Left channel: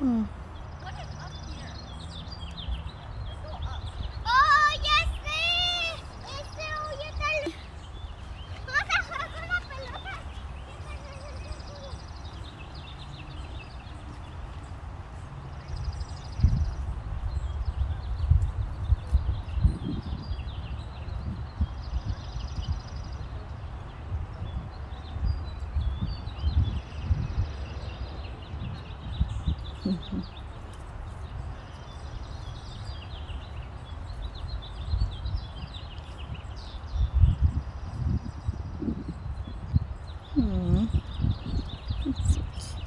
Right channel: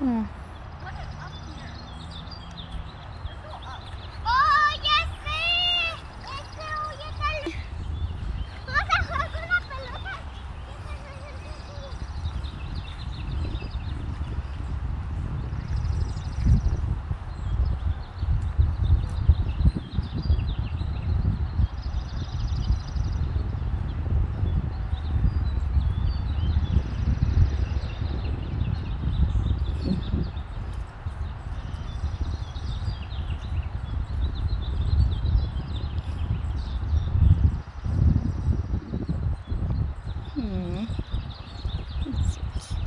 Hmm. What is up here? Let's go up. Oh, ya sé. Oye, tal. Vas a jugar con la pelota. Hmm. That's sweet.